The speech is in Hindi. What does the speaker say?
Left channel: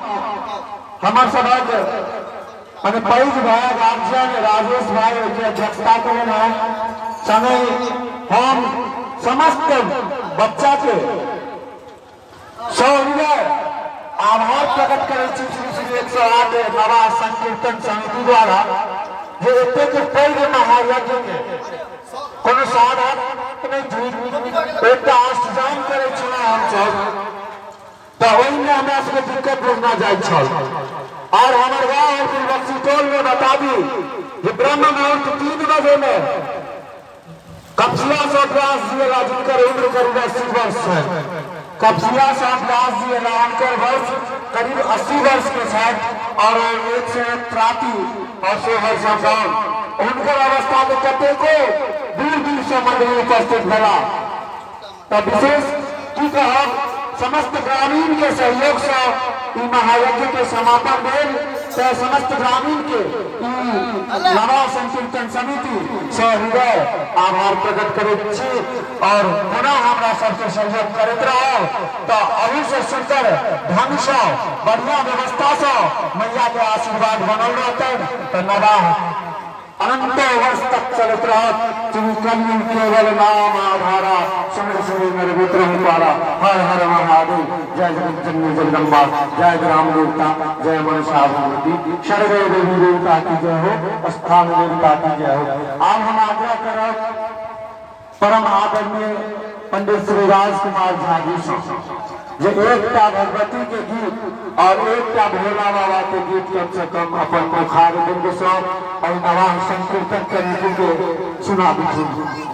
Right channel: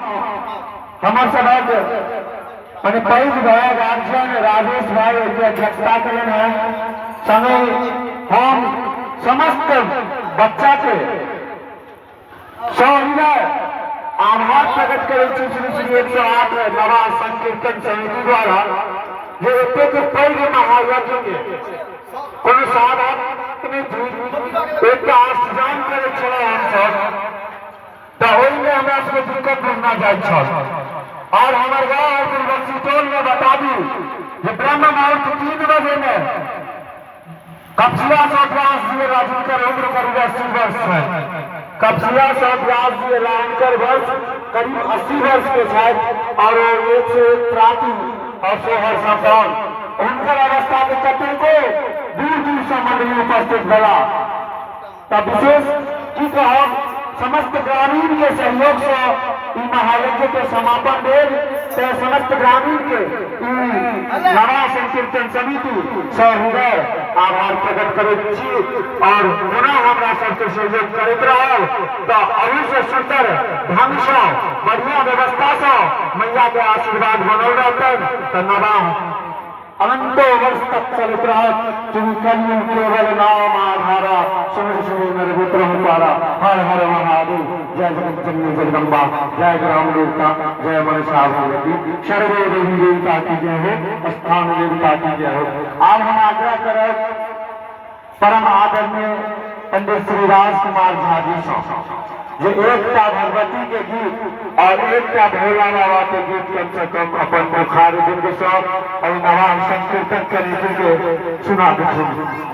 हमार सभा मैंने पैज भाई गार्जियन राजेश भाई की अध्यक्षता करें हैं संगे हम समस्त बच्चा के सविनय आभार प्रकट करे श्री 108 नवा संकीर्तन समिति द्वारा जो एते के पैज महायज्ञ के कोनो साधारण नहीं एक अष्टजाम करे छला हम सब तो ओइ में हमरा से दिक्कत बुझना जाय छल और हमारे गांव टोल में बता दी ये ब्रह्म मुहूर्त 3 बजे में कपसिया से व्यास जी राजकर इंद्र करीब 80 वर्ष है। कपसिया से व्यास जी राजकर वर्ष करीब 80 वर्ष के साथ और 101 त्राती और सोहर संपौन उनकर अवस्था में कते को दूर दूर से मंडली उपस्थित भला तब विशेष की कहा समस्त ग्रामीण के सहयोग से महायज्ञ के समापन भेल समस्त ग्रामीण के नवा संकीर्तन समिति से हृदय आभार प्रकट करैत छी और पुनः हमरा सबके सहयोग करैत रहल तो अहू से सुंदर ढंग से बढ़िया व्यवस्था से मैया के आशीर्वाद बनल रहतन तो नवा अनंत वर्ष तक चलत रहत कलियुग केवल नाम आधारा समझ सुनो मेरे पुत्र पारा हर हर महादेव जय जगन्नाथ जगदम्बा जय ग्राम देवता जय मनसा भगवती सर्वे देवी देवता की जय हो स्थान देवता की जय हो। आज हम आग्रह करत परम आदरणीय पंडित श्री राजकुमार झा जी से जो एकता भगवती के गीत और एकता भोला बाबा के गीत के अपन बुखारी दिन के सब नवा संकीर्तन करने के सुना दीजिए।